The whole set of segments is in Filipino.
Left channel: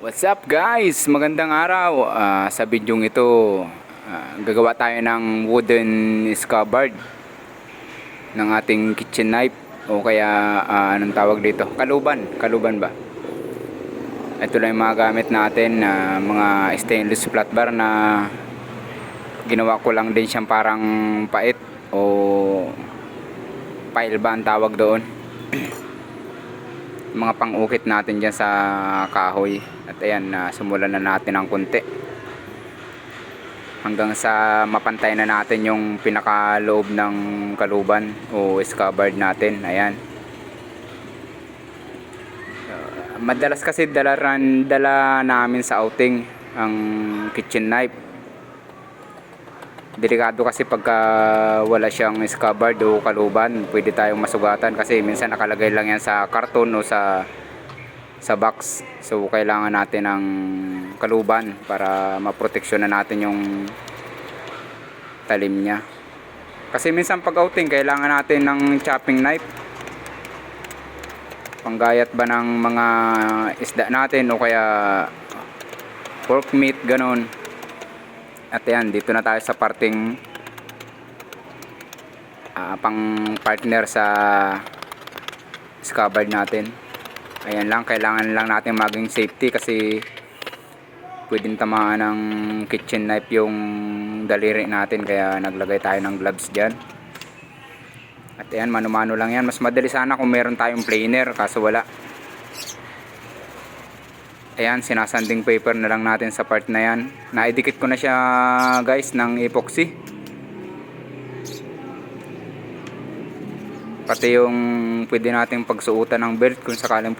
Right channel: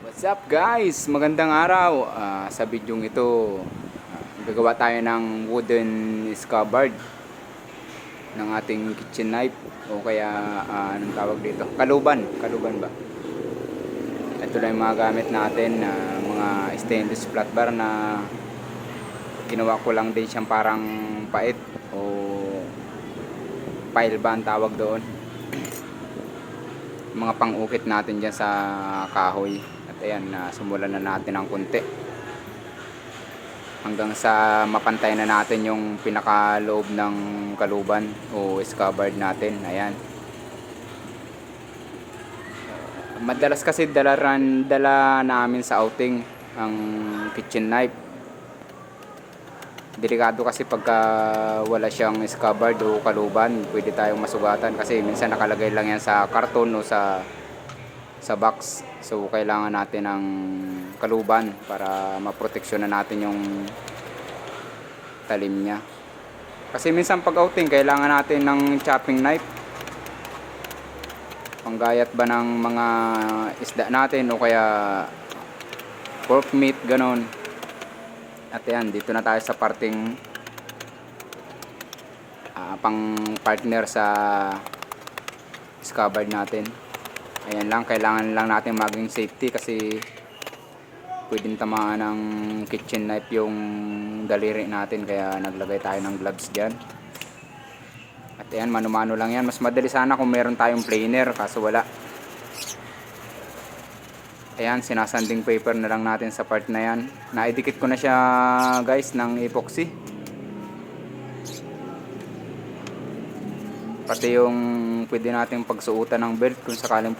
What's up guys? Magandang araw. Sa bidyong ito, gagawa tayo ng wooden scabbard ng ating kitchen knife o kaya anong tawag dito? Kaluban ba? Ito lang yung mga gamit natin na mga stainless flat bar na ginawa ko lang din siyang parang pait o pile ba ang tawag doon. Mga pang-ukit natin dyan sa kahoy. At ayan, sumulan na natin ng konti hanggang sa mapantay na natin yung pinakaloob ng kaluban o scabbard natin. Ayan, madalas kasi dala namin sa outing ang kitchen knife. Delikado kasi pagka wala siyang scabbard o kaluban, pwede tayong masugatan kasi minsan nakalagay lang yan sa karton o sa box. So kailangan natin ng kaluban para maproteksyon na natin yung talim niya. Kasi minsan pag outing kailangan natin ng chopping knife, panggayat ba ng mga isda natin o kaya pork meat, ganon. At yan, dito na tayo sa parting pang partner sa scabbard natin. Ayan lang, kailangan lang natin maging safety kasi pwedeng tamaan ng kitchen knife yung daliri natin, kaya naglagay tayo ng gloves dyan. At ayan, mano-mano lang yan. Mas madali sana kung meron tayong planer, kaso wala. Ayan, sinasanding paper na lang natin sa part na yan. Naidikit ko na siya guys ng epoxy. Pati yung pwede natin pagsuotan ng belt kung sakaling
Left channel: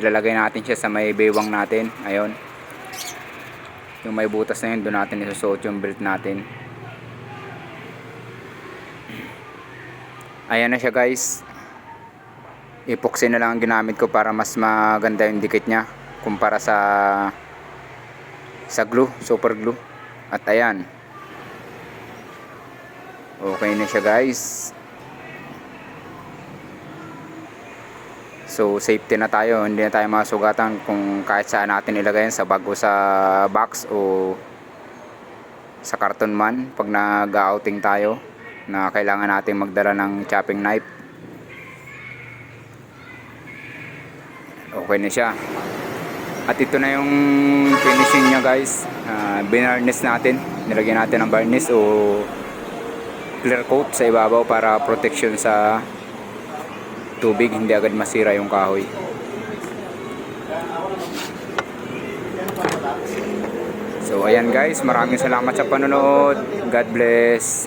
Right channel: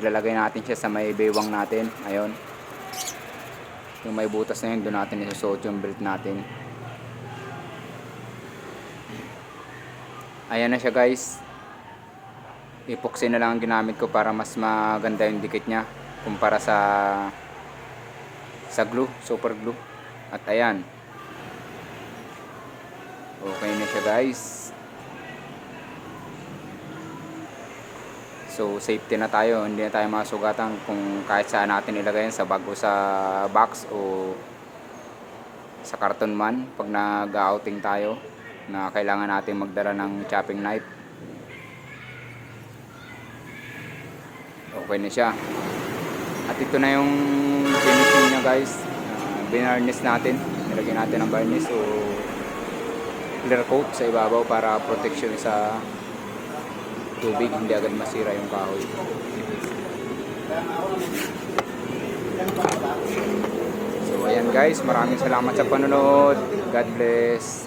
ilalagay natin siya sa may bewang natin. Ayun, yung may butas na yun, doon natin isusuot yung belt natin. Ayan na siya guys. Epoxy na lang ang ginamit ko para mas maganda yung dikit niya kumpara sa glue, super glue. At ayan, okay na siya guys. So safety na tayo, hindi na tayo masugatan kung kahit saan natin ilagay sa bag o sa box o sa karton man pag nag-outing tayo na kailangan natin magdala ng chopping knife. Okay na siya. At ito na yung finishing niya guys. Binarnish natin, nilagyan natin ng varnish o clear coat sa ibabaw para protection sa tubig, hindi agad masira yung kahoy. So ayan guys, maraming salamat sa panonood. God bless.